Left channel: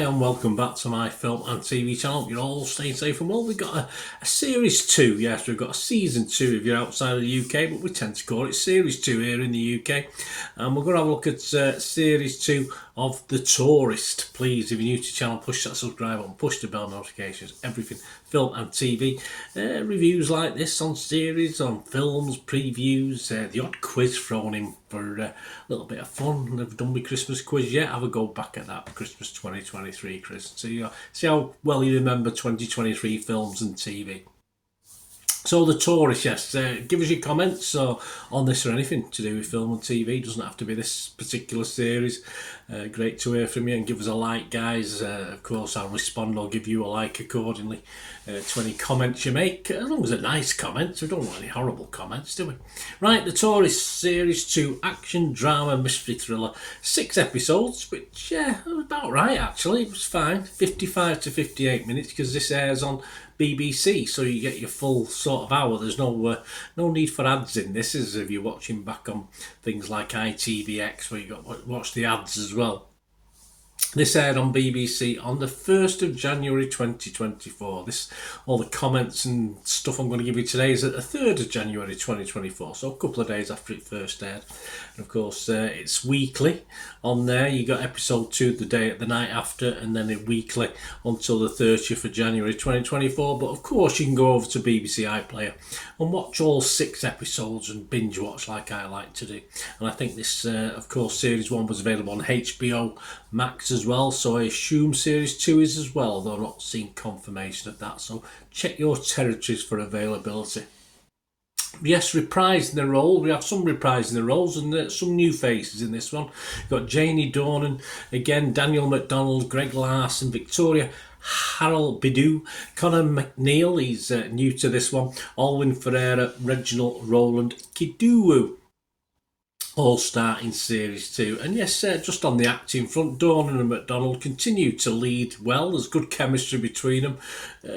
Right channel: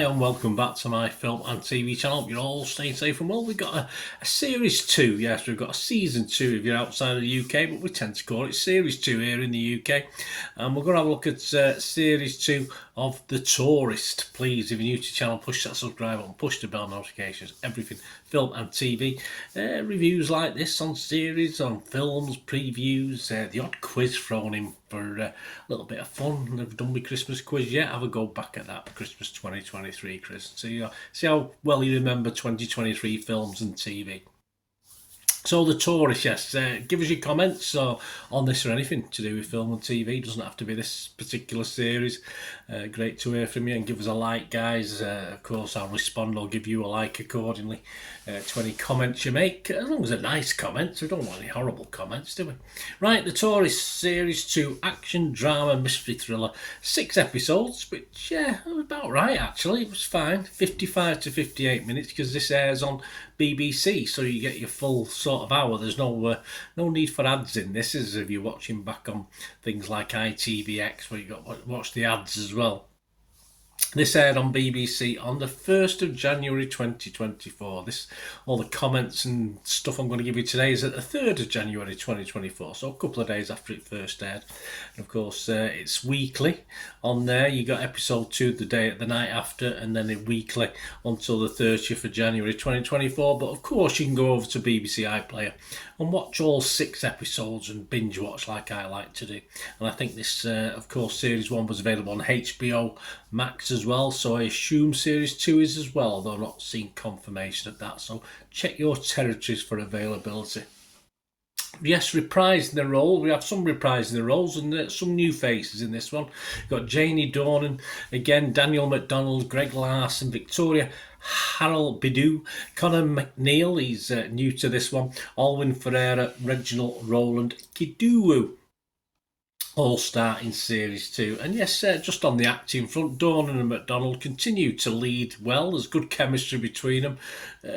Hi and welcome back to my film and TV channel. You're all staying safe and well. We've got a series 2, yes, we've got a season 2 if you're outside of the UK, but we tend to call it series 2 here in the UK. And we're going to have a look at series 2 of The Tourist. Please, if you're new to the channel, push that subscribe button, push the bell notifications, everything film and TV. Reviews like this on series, on films, previews, the odd quiz thrown in for a little bit of fun. Never done my Christmas quiz yet. Have a go back at that Christmas 2023, Chris. See how well you remember 2023 films and TV. So The Tourist, yes, give us your comments on this or anything to do with film and TV. It doesn't have to be this particular series. Great to hear from you, and give us a like, guys. Of course, I'll respond. I'll give you a like accordingly to any comments you make, as long as they're nice comments. We don't want any horrible comments, do we? Right, The Tourist, Series 2, action, drama, mystery thriller. 6 episodes, which, yeah, was about right, actually. It was fine. 55 to 58 minutes, because this airs on BBC, so you get your full sort of hour. There's no need for ads in this, as if you're watching back on things like ITVX, where you got to watch the ads as well. This aired on BBC on the 1st of January 2024. All the comments and stuff I'm going to give you today is at the 3rd of January 2024, so a couple of days after it first aired. And of course, it's weekly on there. You got episode 2 the night after, and then it weekly until the 30th of January 2024. But of course, you can go over to BBC iPlayer and watch all 6 episodes and binge watch like I like to do. And I think this, of course, Series 1 was available on HBO Max as well, so I assume Series 2 is as well, though I've not seen confirmation of that, so check your territories for availability. Yes, reprising the role. We have some reprising the roles and some new faces in this one. We've got Janie Dornan, again, Daniel McDonald, Greg Larson, Victoria Harold Bidu, Conor McNeil, he's new to this one, Alwyn Ferreira, Reginald Roland Kiduwu, all start in Series 2. And yes, just on the acting front, Dornan and McDonald continue to lead well. There's good chemistry between them.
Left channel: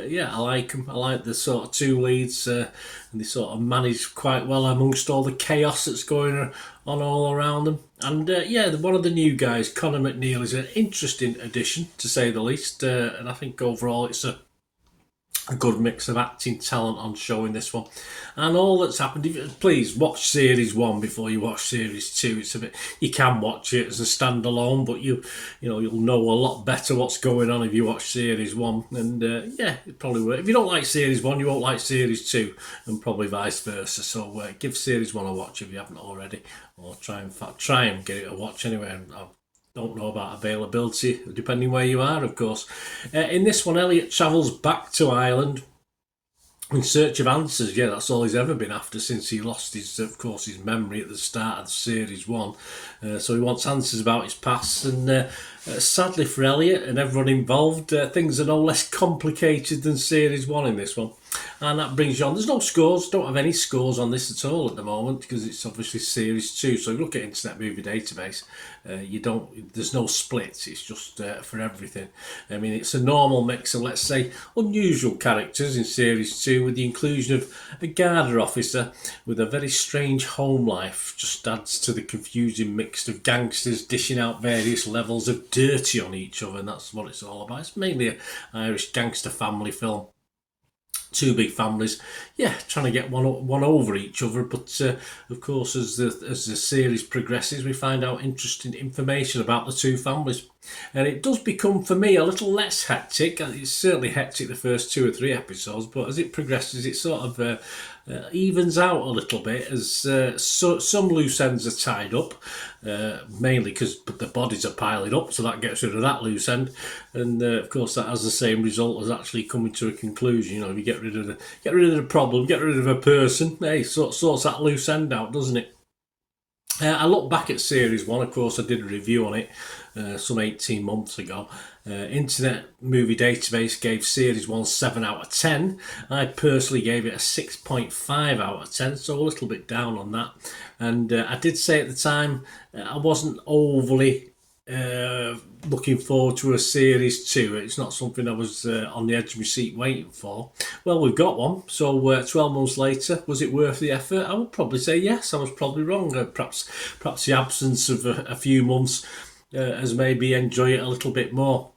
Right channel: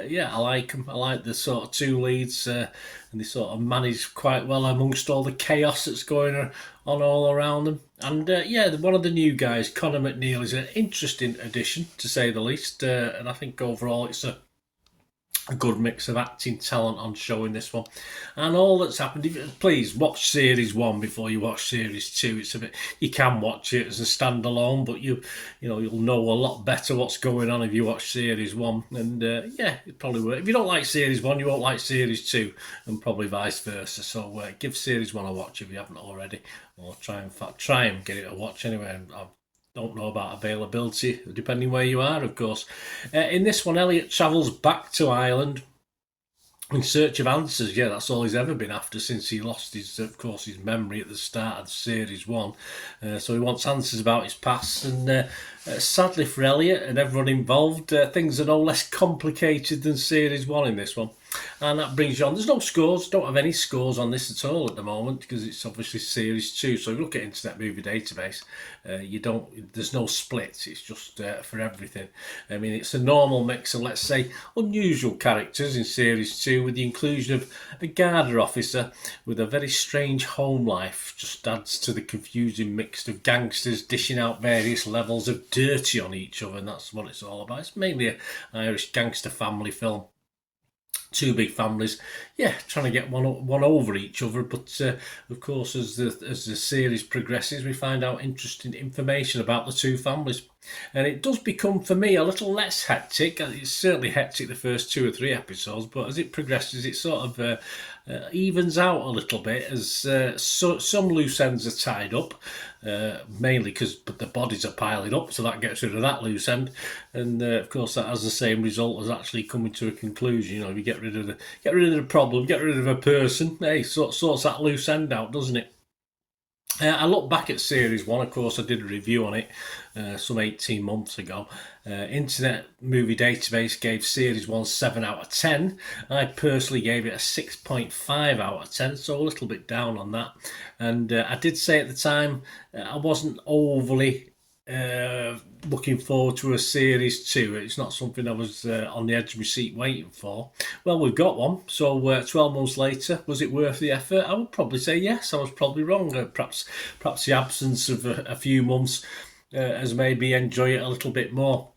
Yeah, I like them. I like the sort of two leads, and they sort of manage quite well amongst all the chaos that's going on all around them. And yeah, one of the new guys, Conor McNeil, is an interesting addition, to say the least. And I think overall it's a good mix of acting talent on show in this one. And all that's happened, please watch Series 1 before you watch Series 2. It's a bit, you can watch it as a standalone, but you'll know a lot better what's going on if you watch Series 1. And yeah, it probably will. If you don't like Series 1, you won't like Series 2, and probably vice versa. So give Series 1 a watch if you haven't already, or try and get it a watch anyway. Don't know about availability, depending where you are, of course. In this one, Elliot travels back to Ireland in search of answers. Yeah, that's all he's ever been after since he lost his memory at the start of Series 1. So he wants answers about his past, and sadly for Elliot and everyone involved, things are no less complicated than Series 1 in this one. And that brings you on. There's no scores, don't have any scores on this at all at the moment, because it's obviously Series 2. So if you look at Internet Movie Database, there's no splits, it's just for everything. I mean, it's a normal mix of, let's say, unusual characters in Series 2, with the inclusion of a Garda officer with a very strange home life. Just adds to the confusing mix of gangsters dishing out various levels of dirty on each other, and that's what it's all about. It's mainly an Irish gangster family film. Two big families, yeah, trying to get one over each other. But of course, as the series progresses, we find out interesting information about the two families, and it does become, for me, a little less hectic. It's certainly hectic the first 2 or 3 episodes, but as it progresses, it sort of evens out a little bit, as some loose ends are tied up, mainly because the bodies are piling up, so that gets rid of that loose end, and of course that has the same result as actually coming to a conclusion. If you get rid of the problem, get rid of a person, hey, sorts that loose end out, doesn't it? I look back at Series 1, of course I did a review on it some 18 months ago. Internet Movie Database gave Series 1 7 out of 10. I personally gave it a 6.5 out of 10, so a little bit down on that. And I did say at the time I wasn't overly looking forward to a Series 2. It's not something I was on the edge of my seat waiting for. Well, we've got one, so 12 months later, was it worth the effort? I would probably say yes. I was probably wrong. Perhaps the absence of a few months has made me enjoy it a little bit more.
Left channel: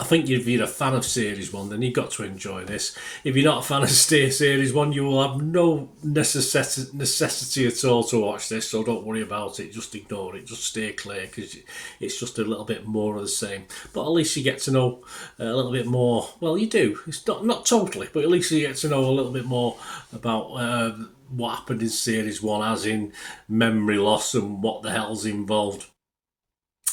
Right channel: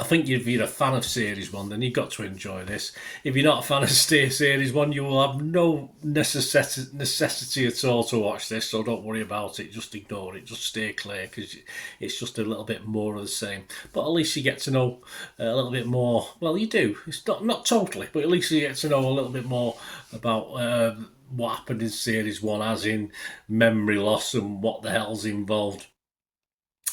I think if you're a fan of Series 1, then you've got to enjoy this. If you're not a fan of Series 1, you will have no necessity at all to watch this, so don't worry about it. Just ignore it. Just stay clear, because it's just a little bit more of the same. But at least you get to know a little bit more. Well, you do. It's not totally, but at least you get to know a little bit more about what happened in Series 1, as in memory loss and what the hell's involved.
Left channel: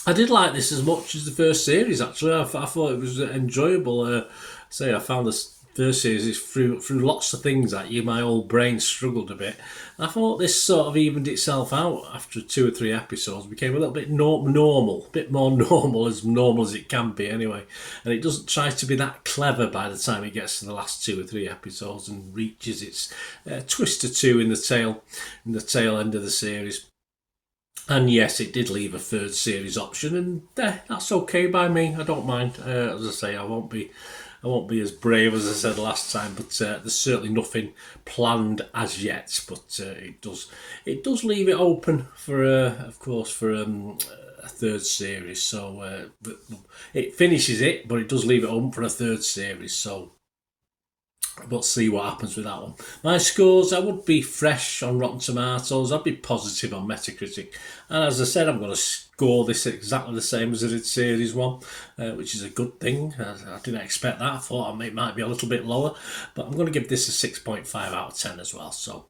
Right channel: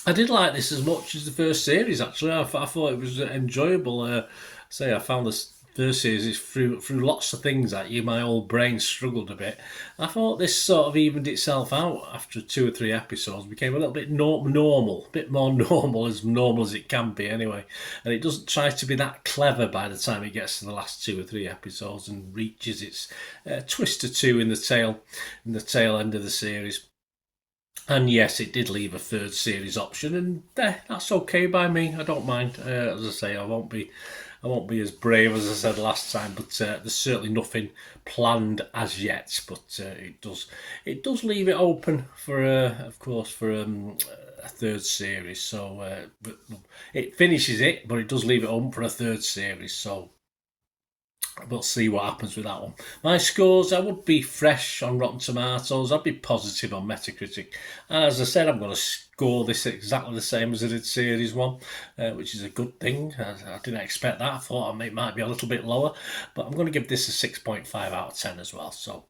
I did like this as much as the first series. Actually, I thought it was enjoyable. I found this first series through lots of things that my old brain struggled a bit. I thought this sort of evened itself out after 2 or 3 episodes. Became a little bit normal, a bit more normal as it can be anyway. And it doesn't try to be that clever by the time it gets to the last 2 or 3 episodes and reaches its twist or two in the tail end of the series. And yes, it did leave a 3rd series option, and that's okay by me. I don't mind. As I say, I won't be as brave as I said last time, but there's certainly nothing planned as yet. But it does leave it open for, of course, for a 3rd series. So it finishes it, but it does leave it open for a 3rd series. So we'll see what happens with that one. My scores, I would be fresh on Rotten Tomatoes. I'd be positive on Metacritic. And as I said, I'm going to score this exactly the same as I did Series 1, which is a good thing. I didn't expect that. I thought it might be a little bit lower. But I'm going to give this a 6.5 out of 10 as well. So,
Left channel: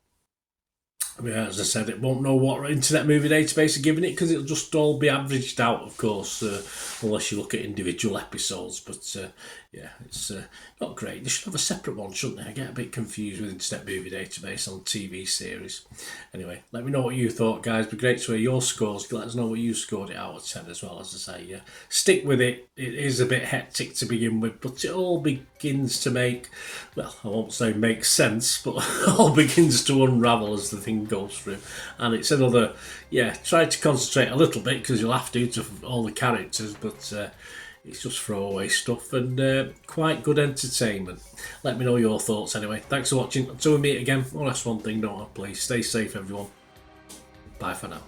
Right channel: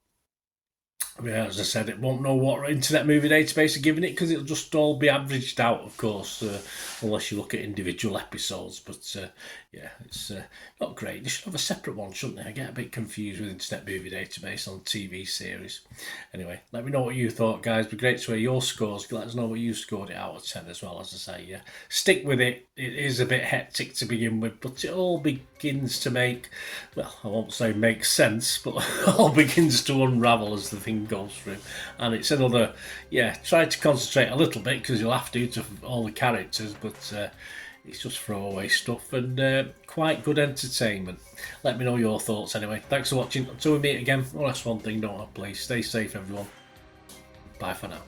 as I said, it won't know what Internet Movie Database are giving it, because it'll just all be averaged out, of course, unless you look at individual episodes. But it's not great. They should have a separate one, shouldn't they? I get a bit confused with Internet Movie Database on TV series. Anyway, let me know what you thought, guys. It'd be great to hear your scores. Let us know what you scored it out of 10 as well. As I say, stick with it. It is a bit hectic to begin with, but it all begins to make, well, I won't say make sense, but all begins to unravel as the thing goes through. And it's another, try to concentrate a little bit, because you'll have to all the characters, but it's just throwaway stuff and quite good entertainment. Let me know your thoughts anyway. Thanks for watching. Until we meet again, one last thing, don't I? Please stay safe, everyone. Bye for now.